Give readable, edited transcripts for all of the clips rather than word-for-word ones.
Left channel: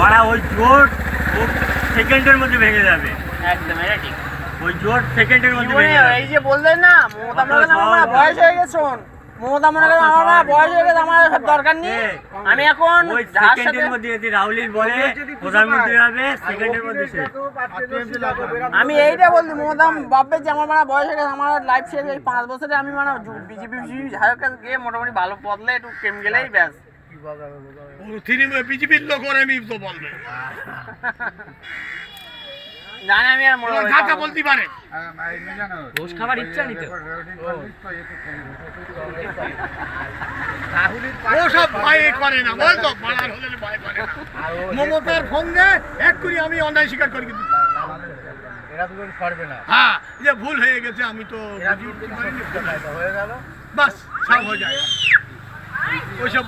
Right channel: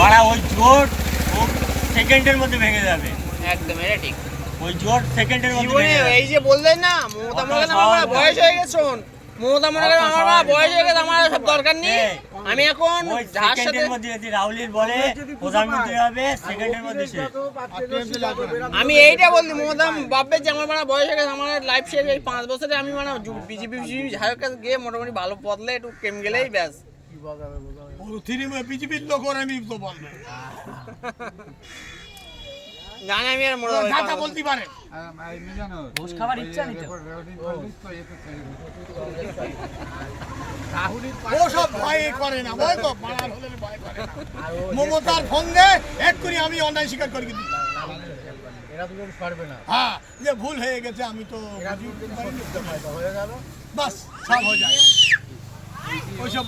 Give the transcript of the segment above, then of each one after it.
মারা ওই জোট সেকেন্ডের মধ্যে ভেঙে যাবে। একদম এটা ঠিক। ওই জোট সেকেন্ডের মধ্যে জীবনে ভেঙে যাবে। এই যে বললেন না মমতা মনে করেন আমার বয়স হয়ে গেছে, শোন মমতা মনে করেন আমার বয়স হয়ে গেছে, আমার সব দরকার নেই, আমি এখন ওই যার সাথে সেকেন্ডের মধ্যে যদি রাহুলির বলে প্রধানমন্ত্রী হবে সেকেন্ডের মধ্যে সে। আমি এইটা বলছি মমতা ভাববে যে আমার মানে বয়স হয়ে গেছে, আমার লাইফ শেষ, এই 5 বছরে আমি মানে বিজেপি ঝাড়ের কাছে গিয়ে মোটামুটি ভালো বদলে একটু প্রেম গেলেই ব্যাস। বিজেপির লোক ওরা আমি তো বলবে জানি আমি আর মোটা কথা বলতে পারে। ঘুষ খাবার ইচ্ছা নিত ও সব ভয় করে না, বলতো বাড়ার হলে ভয় করে না। মমতার সঙ্গে এক করি আমি অন্যায় স্বীকার করে দিই। হ্যাঁ যে ভুল হয়ে গেছে আমি তো বাস সব হয়ে যায়। ওইসব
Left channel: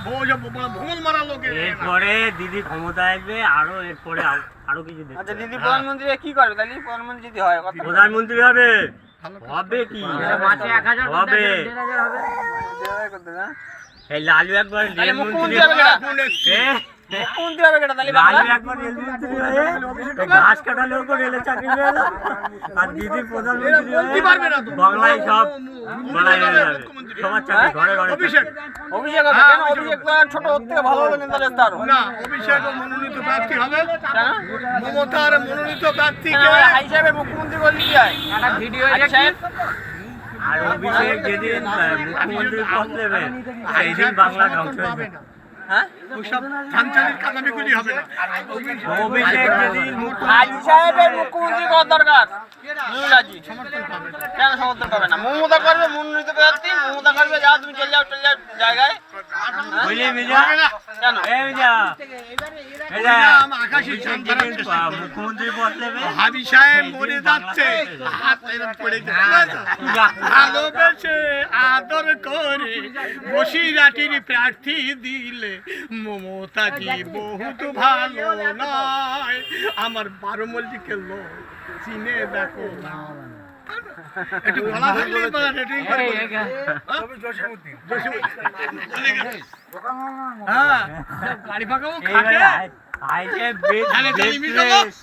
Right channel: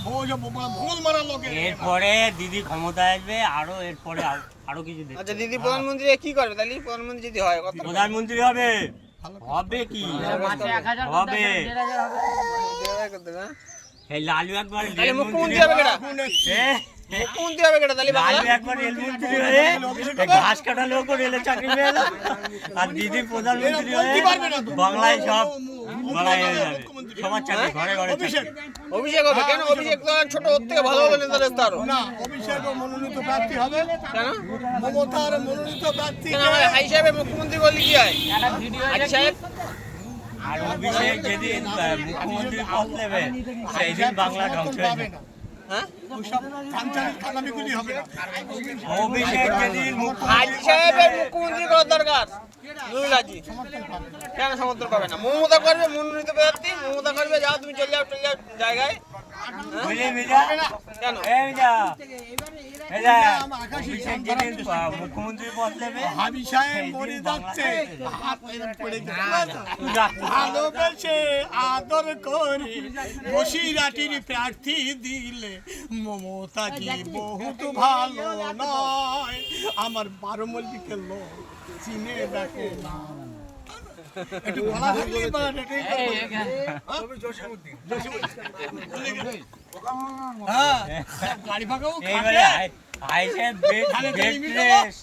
ভুল মারা লোকের এরপরে দিদি ক্ষমতা আসবে, আরো এরপরে আরো কিছু দেখবে। আচ্ছা দিদি প্রধানমন্ত্রী কি করবে তাহলে? প্রধানমন্ত্রী যদি হয় কথা প্রধানমন্ত্রী হবে, হবে কি হবে? করতে না, এই লালু একবার তাহলে মুখ্যমন্ত্রী রেলমন্ত্রী হবে কেটা? মুখ্যমন্ত্রী হবে কেটা তাহলে? বাংলা লালু একবার রেলমন্ত্রী হয়ে ঘাস কাটা লোক রেলে চাকরি পেয়ে গেল, আর দিদি প্রধানমন্ত্রী হয়ে বাংলায় সব বাড়াই হয়ে যাবে, সবার চাকরি ঘরে ঘরে অভিষেক অভিষেক হবে কেন? অভিষেক তো ছোট ওর থেকে ভালো ভালো নেতা দেখতে আরো না, অভিষেক মনোনীত প্রার্থী হবে। কেন? মমতার মনোনীত প্রার্থী কেন আমার হাই সাহেবের মুখ্যমন্ত্রী করলে কি হয়? হাই সাহেব আর অভিষেক যেদিন মুখ্যমন্ত্রী পদ নেবে সেই দিন বাংলা ধ্বংস হয়ে যাবে। হ্যাঁ ওইসব ধানচালের কাদামিগুলি হবে না। অভিষেক যেদিন হাজি সাহেবের মুখ্যমন্ত্রী করার দরকার। নুরুল হাজি কেন সমর্থন করবে না? মমতা করবে মনোনীত প্রার্থী, মমতা করবে যাও তুমি চলে যাও জায়গায়। বুঝলি মিজা? কেন? এই মিজা, মিজা, আকাশী অভিষেক যেদিন মুখ্যমন্ত্রী পদ নেবে হাবি সাহেব মরে যাচ্ছে, হাত এরম পড়ে যাচ্ছে। ভালোবেসে আদর করে বসিরহাটের প্রার্থী দিলে মমতাজি বহুত ভালো নয়, আমার 12 মল্লিকের লোক চিনে দেখো না। একটু গলা ধরলেই বলেন, এটাই করে বলেন। হ্যাঁ, গাড়ি ফাঁকাও খাটে। আইসে বেড রেস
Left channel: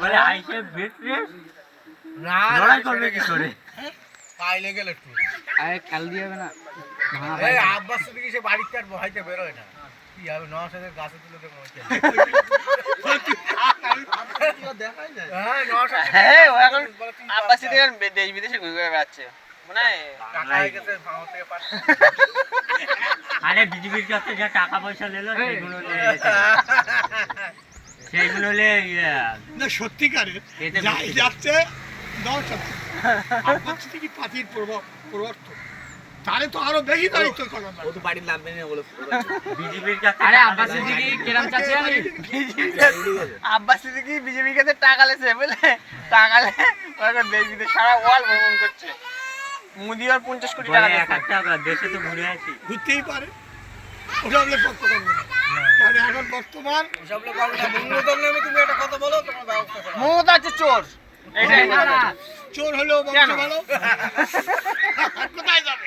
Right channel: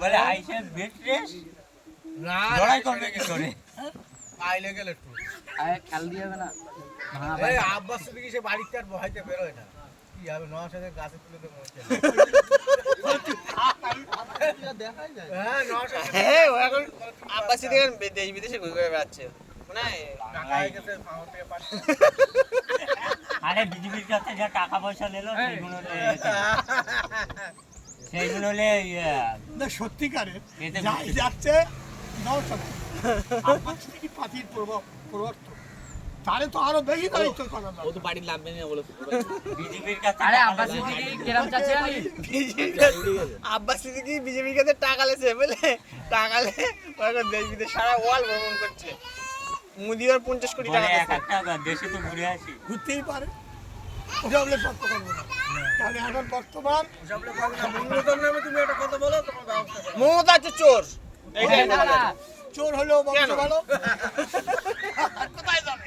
বলে, আইসে বেড রেস লড়াই করবে কি করে? পাইলে গেল একটু কাল দিয়ে হবে না এই আব্বাস দিকে সে বাড়িতে আর ভয়তে বের হয় না, কি হবে নওশাদের গাছে তুলে দেবো দেখাই যায়। হ্যাঁ নওশাদ হ্যাঁ ও এখন আব্বাস সিদ্দিক দেশ বিদেশে ঘুরে ঘুরে বেড়াচ্ছে মানে টাকা হয়ে গেছে ভাঙর থেকে পারে। আরে বিজেপির কাছে যা টাকা পয়সা নিল সেইগুলো সেইগুলো না সত্যিকারের এতে যাই বুঝতে যাচ্ছে নওশাদ আব্বাস সিদ্দিকী পার্টির প্রবর্তক, তারে তো আরো বেশি দায়িত্ব করা ও তো বাড়ির লাগবে না বলে বিজেপির কাছে। আরে আব্বাস দিকে কেরাম চাচ্ছে আব্বাস সিদ্দিক বিজেপির কাছে টাকা লেছে বলে টাকা লে দেশ বিদেশ সারা ওয়ার্ল্ড ভ্রমণ করছে। মোদি আর 50 কোটি টাকা বলে দিয়েছে। এক একটা দেশে তো ঘুরে আছি। ঘুরতেই পারে, ওটা আমরা সত্য করবো না। তাহলে এখন বর্তমান সব লোক হবে না মূল্যতম নামে তুমি একটা কথা বলো তোমার ব্যবস্থা করো। মমতা হচ্ছে চোর, এটাই মমতা। চোর হলেও বংশ কেন? ভালো, আর কোথায় যাবে?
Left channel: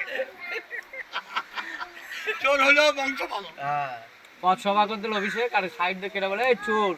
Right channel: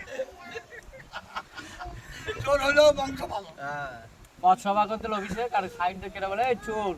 চোর হলেও বংশ ভালো। পথ সভা করতে অভিষেক আর সাইড দিয়ে কেটে বলে এই চোর